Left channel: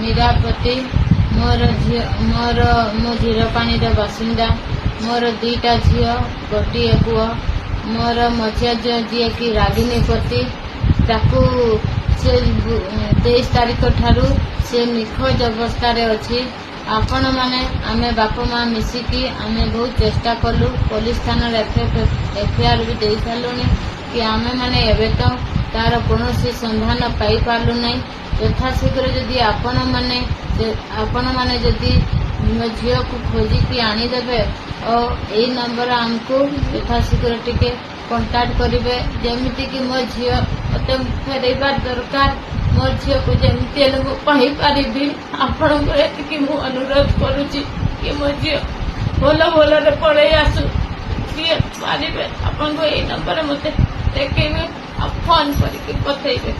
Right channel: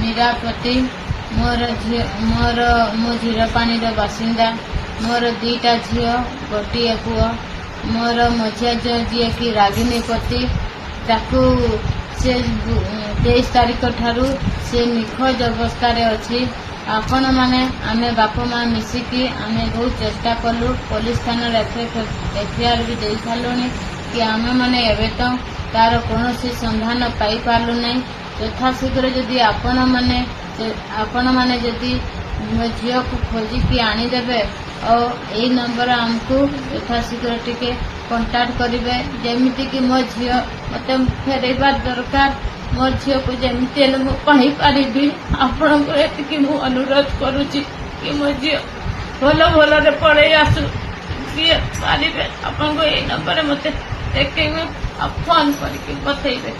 मीरापति मो झीरपाणी बासिंदा मोर 2टा झील गोटे पुओ मोर मझिया झील जी की रागिनीपति ताकू से 23 तारीख ठारू से निखोज अवस्था अच्छी आपण माने आमे बाप माँ मिसिकी आमे बहुत चेष्टा कलु पुलिस थाना एफआईआर भी दे सारूनी कि आमे माने एबे तो तार कौन संधान पाई पार्लु नहीं यथाशीघ्र जदि आपण माने जदि मो झील को खोजिकी आनीदेवे और यही नंबर आमको यथाशीघ्र टिके कंटाक्ट करेंगे जमीती कि मो झील मत फेरबार दरकार मो झील को जमी पारि आपण को अनुरोध करुच्ची कि मो झील भल भल पड़े आसु सी पारे आपन को यही नंबर मत देखे फोन करके बतइबे।